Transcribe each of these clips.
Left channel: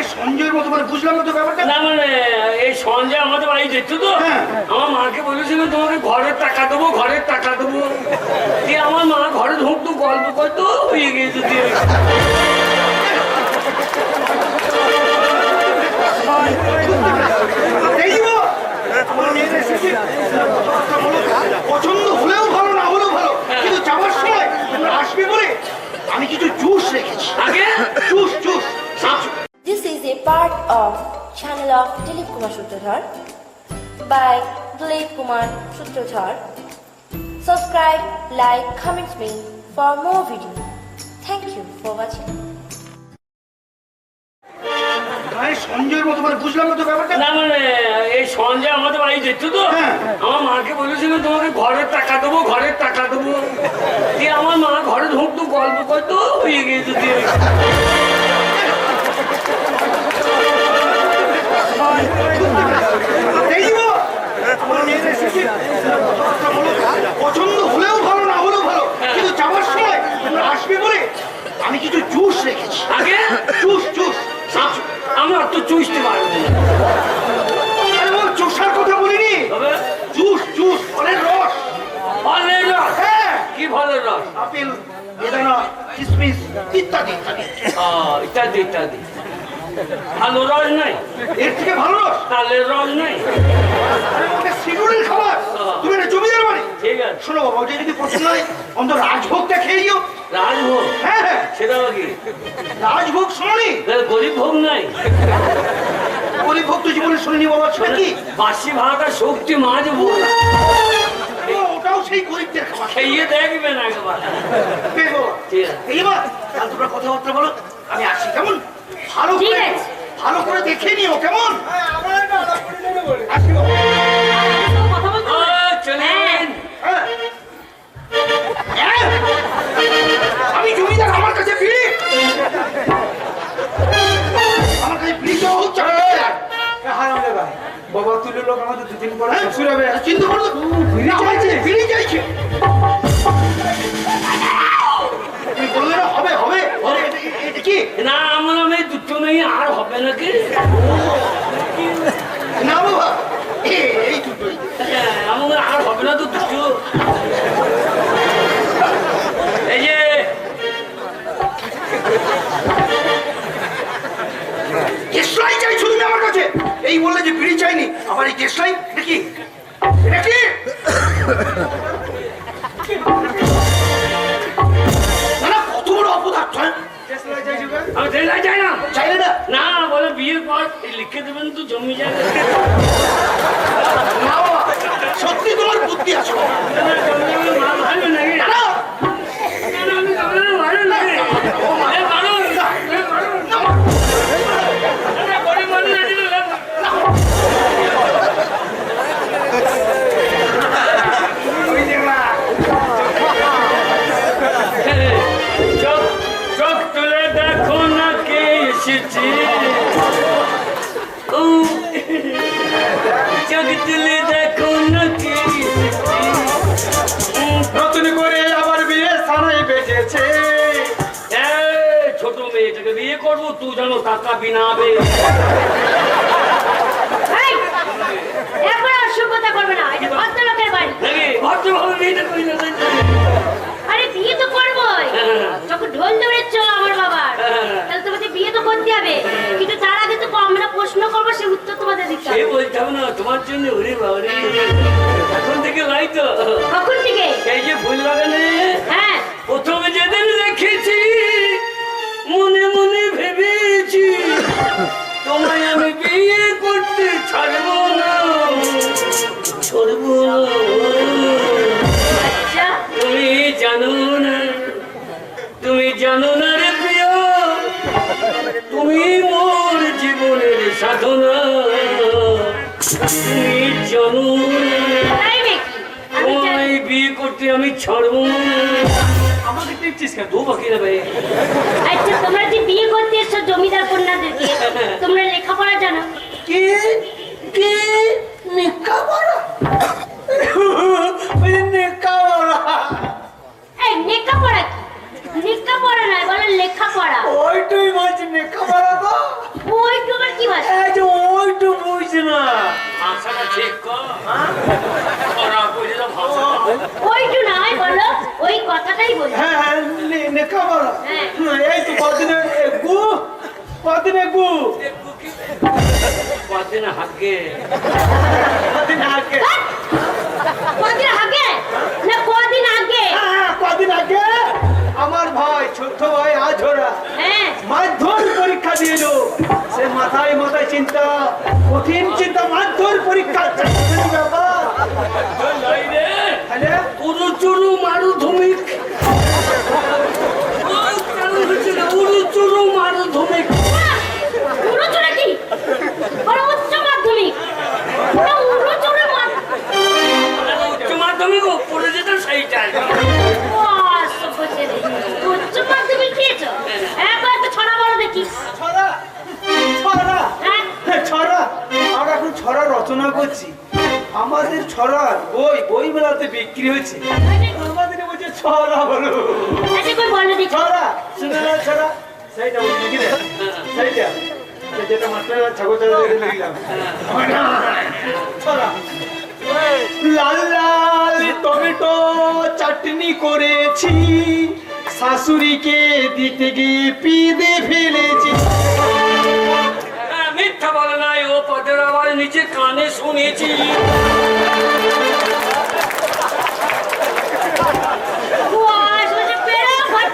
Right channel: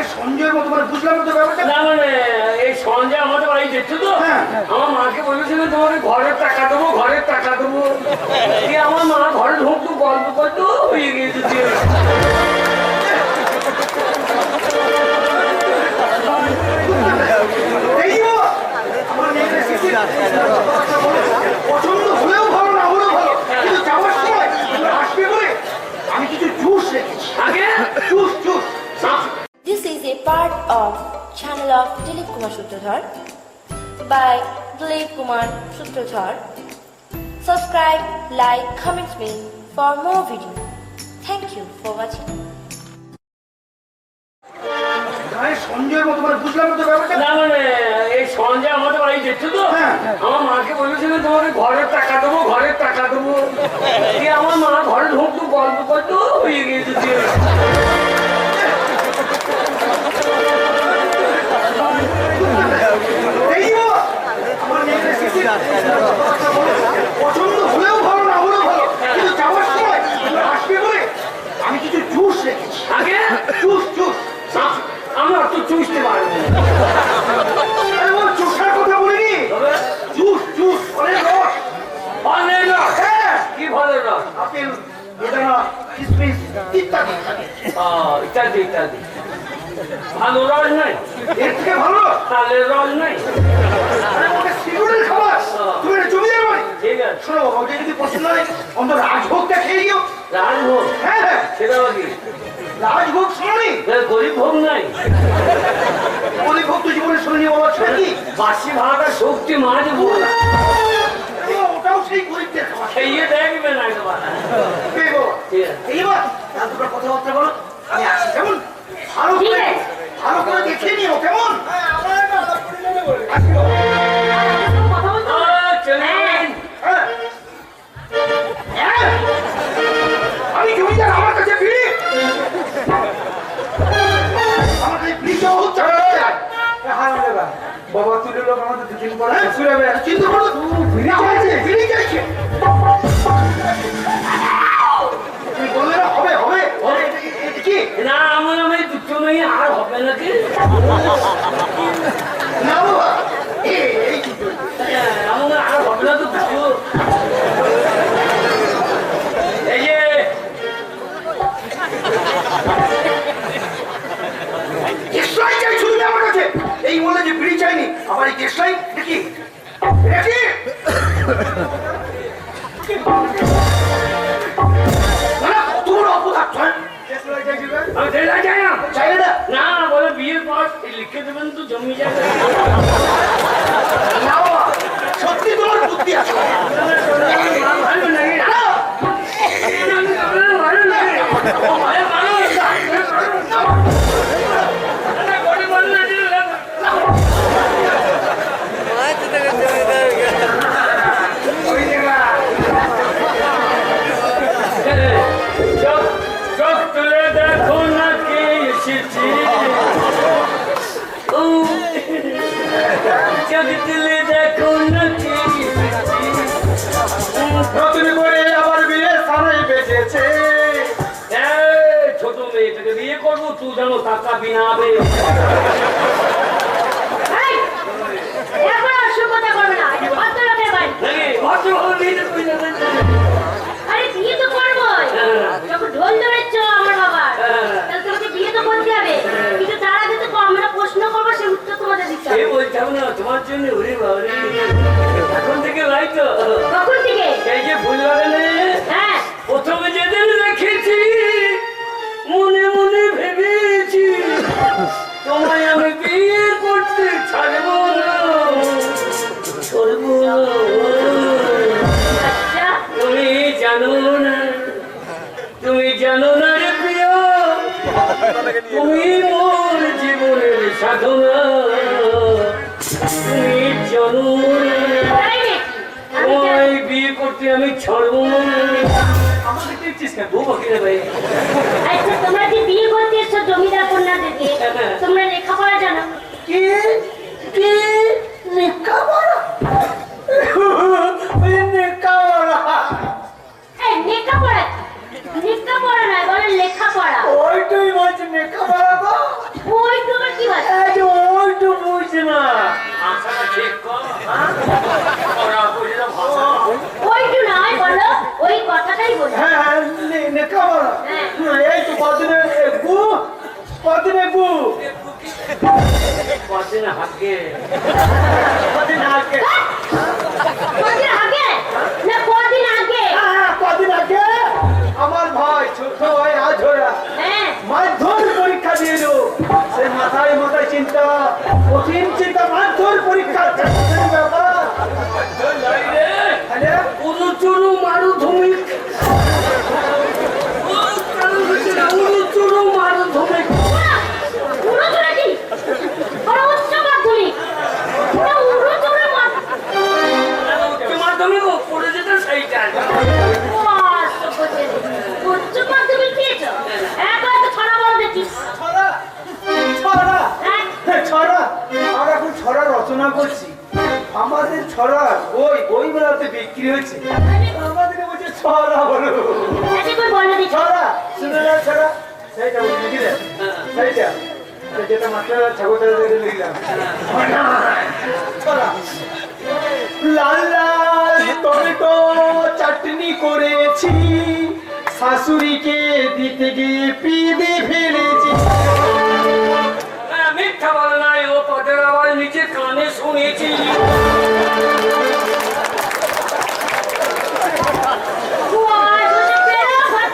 গায়ে সঞ্জয়ের মতো মানে বুঝলাম তো ব্যাপারটা? না মানে এই সঞ্জয় আমাদের বাড়ি যেত তো? হ্যাঁ। আমার মাকে বলেছিল তোমাকে ঘরের টাকা দেবো ঘরের টাকা দেবো। দিয়ে আমার মা ঘরে ঢুকতো গল্প করতো হয়ে গিয়েছে দিয়ে। এই যে বাবা, আমার মেয়ের এসেছে। পছন্দ হলেও ভালো না হলেও ভালো। কিন্তু যাওয়ার সময় আসবে বলে আমি কিছু জুস রেখেছি। আগে? Juice. Part of channel of Dilip Kumar Sutradhar by Dilip Kumar Sutradhar. Subscribe, like, comment me for more videos. Thank you for watching. সঞ্জয়ের মতো মানে বুঝলাম না তো ব্যাপারটা না মানে এই সঞ্জয় আমাদের বাড়ি যেত তো হ্যাঁ। আমার মাকে বলেছিল তোমাকে ঘরের টাকা দেবো ঘরের টাকা দেবো দিয়ে আমার মা ঘরে ঢুকতো গল্প করতো হয়ে গিয়েছে পছন্দ হলেও ভালো না হলেও ভালো। কিন্তু যাওয়ার সময় আসবে বলে আমি কিছু জুস রেখেছি। আগে? জুস জুস আমরা তো চুষতে পারব না আরে ও জুসার কথা বলিনি? জুস জুস ফলের রস। ফলের রস? হ্যাঁ। কি ফলের রস? আপেল বেদানা কিসমিস ইত্যাদি ইত্যাদি। ইত্যাদি ইত্যাদি। ভালো রস নাই। এর থেকে ভালো রস? তালের রস নাই। আরে ওটা সিগুরের খাবার। তুমি এটা জমিদার বাড়ি? ঠিক আছে। শোনো বাবা ওটা যদি পছন্দ হয় অন্তত রাজভোগটা খেয়ে গিয়েও রাজভোগ? হ্যাঁ হ্যাঁ। সেটা কি? রাজভোগ শোনি গরিব ভোগ নাই। গরিব ভোগ তো জীবনে শুনিনি বাবা সেটা কি? বাসি ভাড়াটা শক্তি মাছ ভোগ। ওটাও সেই গরিবদের খাবার। খেয়ে দেখবেন একবার। বে বাবা। ঠিক আছে। এই বা কাল তোমরা কথাবার্তা বলো আমি আসি কেমন? ভালো করে। ভালো করে দেখে নিও কেমন। হ্যাঁ। হ্যাঁ? আমি জমিদার আমার কাছে ফিরি আমার কাছে ফিরি হচ্ছে বাবা তুলে লোক আমাদের দুদিন পরে হ্যাঁ? হবে চিন্তা করো ফিরি চাইছে ফিরি চাইছে তুমি বললে না হবে হবে হবে কি? না আমার আমি দুটো নেই আর হবে নাকি? না বাবা এই- এই হ্যাঁ, আমার আর হবে না তো দুটো। এই যে দেশলাই চাইছো তুমি আমার কাছে। এই বললে যে বিড়ি চাইনি। আবার এই দেশলাই এটা কি? না চাইলে না না বলে বিয়ের পর লিখে দেবেন তো জমি জায়গা না সত্যি তোমার বুদ্ধি আছে চোখ তুলে দেখো না কে? নতুন করে আবার বিয়ে সানাই বেজেছে ছোট মেয়েটাকে বিয়ে করব তুই জানো টাকা বিনাবে ভদ্রলোকের বাড়ি। ভদ্রভাবে বিয়েটা করি না তাই তো? আরে বিয়ে তো করবোই যখন ঢোল ধরেছ আমার বাবার তাহলে তোমাকে বিয়ে তো করতে হবে কিন্তু তার আগে তো আমরা প্রশ্ন করব সে উত্তর তোমাদের দিতে সে বলতাম না তোমার জন্য ওরে বাবারে এখন থেকে লাই তো। কখন থেকে? এই যে ফুল লাগালে হ্যাঁ। প্রথমে যেদিন করতে আমি ছাড়বো না। আমাকে দেখছিস কেন দু বাকি রে আচ্ছা তোমরা যে বিয়ে করতে এসছো জমিদার কন্যাদেরকে তোমরা লেখাপড়া জানো? কি? কি? নিকা বড় নিকা বড় এই লেখাপড়া কি? লেখাপড়া নয় বলো লেখাপড়া ওইটাই বলছি নিকা বড় তো ওই ঠিক কর ওরা বুঝলে ভাষা ওইটু নয় বলো ওই কথাটাই বলো হ্যাঁ হ্যাঁ নে- নে খাবার হ্যাঁ। এই তো কদিনে গু কদিনে গু কদিন হাগে কদিন আগে? কদিন আগে? না কদিন আগে? হ্যাঁ, কদিন আগে? আমার ভাই ছোট ভাই আঝোরা হ্যাঁ। মাধ্যমিক পরীক্ষা দিল। সে মাথায় মাথায় চিন্তা কঠিন চিন্তা মাধ্যমিক পরীক্ষা। তাহলে চুরু মারু ধুমিক আমরা এখন ছড়া রচনা করছি। আমাদের ছড়া বই বই মেলাতে বিক্রি আমাদের বলছে ছড়া বলো। আচ্ছা ছড়া শুনে না ছড়া? সেইটা বলি নাকি সেইটা। যেটা মাত্র লিখলাম ছড়া। লাল লাল টমেটো চাটনি করেছি। শাশুড়িকে দিতে গিয়ে পিদে ফেলেছি। মিথ্যা বলে নাই ও পদের আবার নিচে কানে শুনেছি। ওয়াই সোজা বেরো ঘর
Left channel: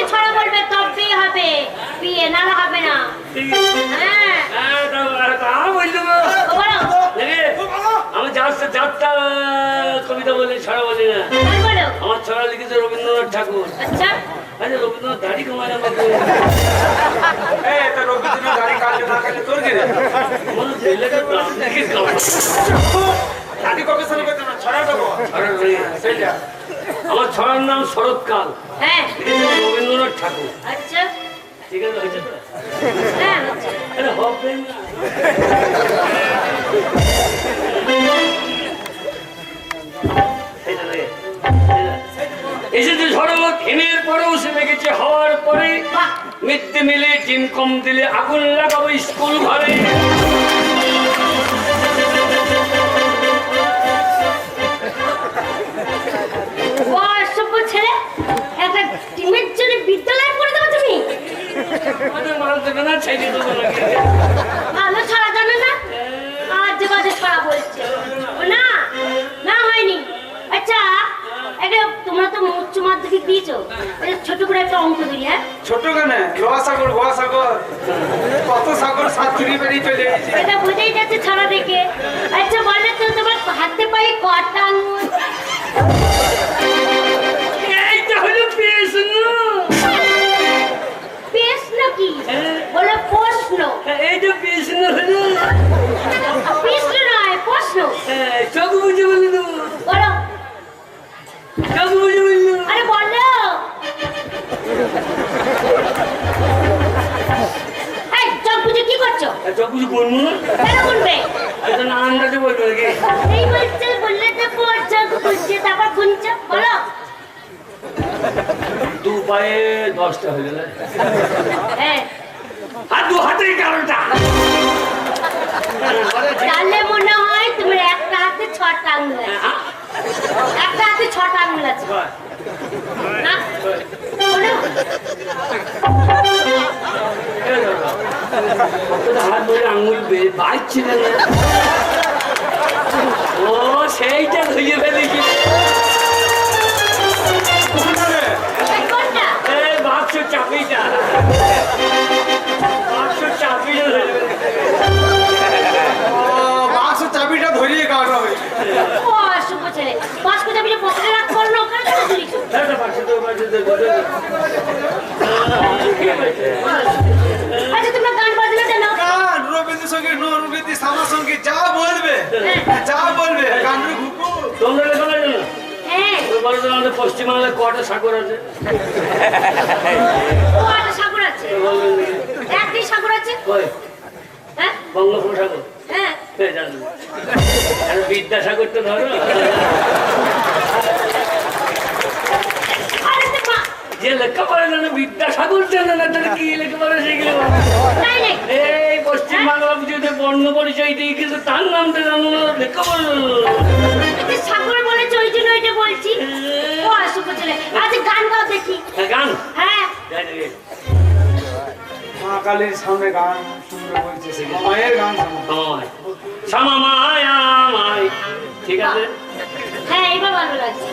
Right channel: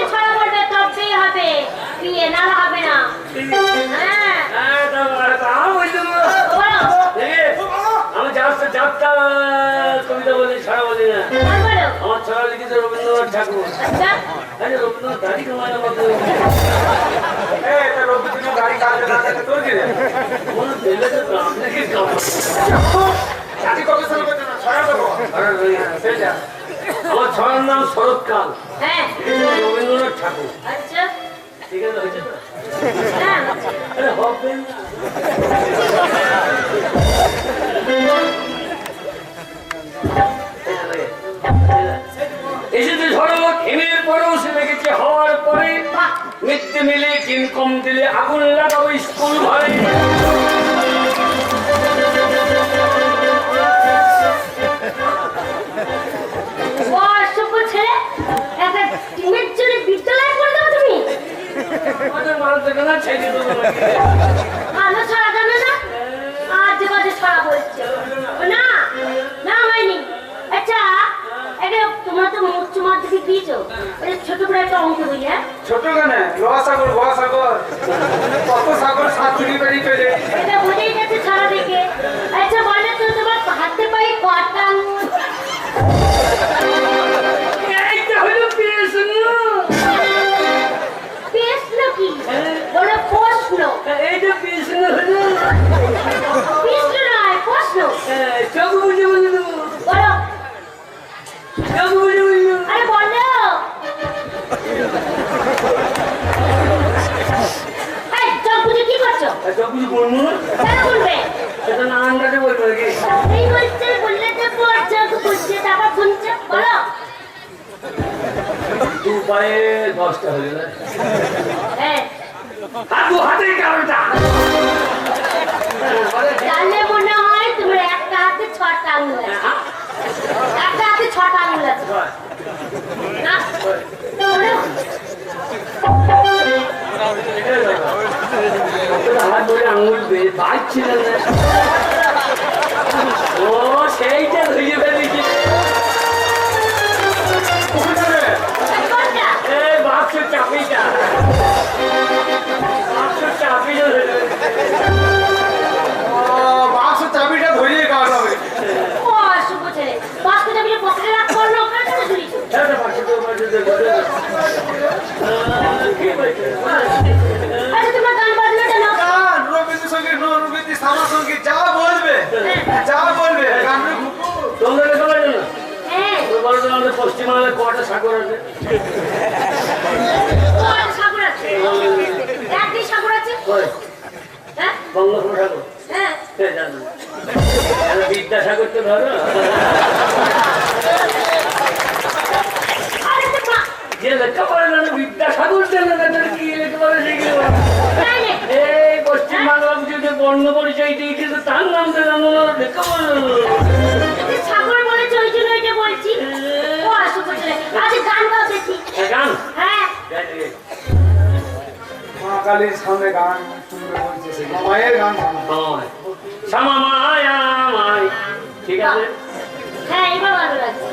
দেখে ছড়া বলবে তবেই হবে। বিয়ে না হবে না। হ্যাঁ। হ্যাঁ, যাত্রা কবিতা বলি ছড়া বলি না। আমার ছড়া লিখেছে রবীন্দ্রনাথ ঠাকুর। আচ্ছা। রবীন্দ্রনাথ দাড়ি কমায় রবীন্দ্রনাথ না কাটে তোর কি রে? মনে দিলে তো প্রাণ থেকে কামায়। জাতি গবেষণা করতে না ছড়া দেবো? ছড়া বলি না। ছড়ার নাম শরৎকাল। হ্যাঁ। রবীন্দ্রনাথ ঠাকুর। আচ্ছা। ঠিক আছে হয়েছে? তো হ্যাঁ এসেছে হিমের পরেও সে হওয়ার পরে। মিথ্যে মিলে টিন কম দিলে আগুন লাগাবো স্কুল ঘরে। একটা টিমের জন্য বিদ্যালয় করে দেবো তুমি? আমাদের মাল দেবে না ছেড়ে দেবো ভালো ছড়া জানো না? আজ বাজে ছড়া বলছে। না না হয়নি। আচ্ছা একটা তোমরা তো উচ্চ মাধ্যমিক দিয়েছ। এই ছোট করে একটা অঙ্ক দিই হ্যাঁ? ছোট কেন? লোহা সাগর সাগর কত সাগর সাতচুরি বেরিয়ে চলে এটা বোঝাই যাচ্ছে ছড়া দেখে। আচ্ছা বলে তো তোমার হাতে পায়ে কটা আঙুল? এইটা প্রশ্ন প্রশ্ন নয় প্রশ্ন। চোখ বুঝে বলে দেবো বলো। চোখ বুঝে বলে দেবো আরে বলো। চোখ বুঝে কি করছ? চোখ বুঝে বলব না? কেন বলবে? এটা না আন্দাজে বলব নাকি? এই বলছে বললে তো চোখ বুঝছে তারপর গুনছে বলো। দু পায়ে দশটা হয়ে গেল। হ্যাঁ। আর দু কারোটা তাহলে মনে হয় তোমার একটা হাতে ছটা আঙুল আছে। একটা হাতে ছটা আঙুল আছে। না? আঙুল বাজছিল না। ও সেইটা ধুয়ে যা বলবে তোমরা না হ্যাঁ। বলো তো আমাদের পশ্চিমবাংলায় কটা সাগর আছে? সাগর আছে? একটি সাগর আছে? কই? বঙ্গোপসাগর? হ্যাঁ। হয়ে বিদ্যাসাগর তো ধরো। যে লেখাপড়া জানে বিদ্যাসাগর জানে না তাহলে কি লেখাপড়া শিখলো এই বাংলা পুজোতে বর্ণ পরিচয় দিয়ে কিন্তু তার নাম তো জানো না তুই সাগর বলেছে ওই জন্য এটা বলছি। ও আসো বলছিলে আজ গান গাও দেখি। হ্যাঁ, গান? হ্যাঁ। মা কালীর সামনে গান বলছে মায়ের গান। শ্যামা মায়া মাই ঠিক আছে? হ্যাঁ এবার ভালো লাগছে।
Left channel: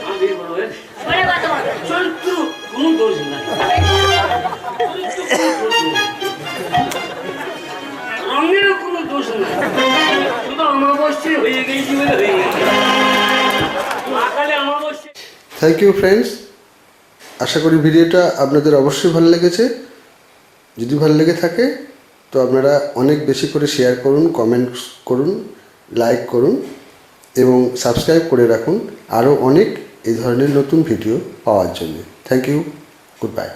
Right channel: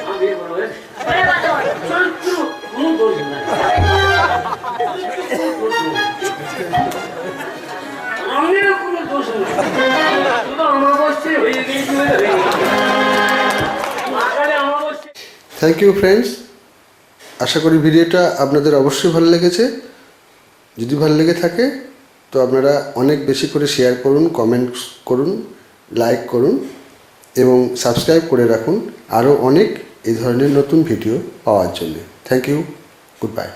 আমি বিয়ে করব এ। ওটা কত বড় দোষ নাই। রঙের কোনো দোষ নাই। শুধু হয়ে গেছি থ্যাংক ইউ ফ্রেন্ডস আশা করি ভিডিওটা আপনাদের অবশ্যই ভালো লেগেছে। যদি ভালো লেগে থাকে, তো আপনারা অনেক বেশি করে শেয়ার করুন কমেন্ট করুন লাইক করুন, এবং সাবস্ক্রাইব করে রাখুন আরও অনেক এই ধরনের নতুন ভিডিও পাওয়ার জন্য। Thank you good bye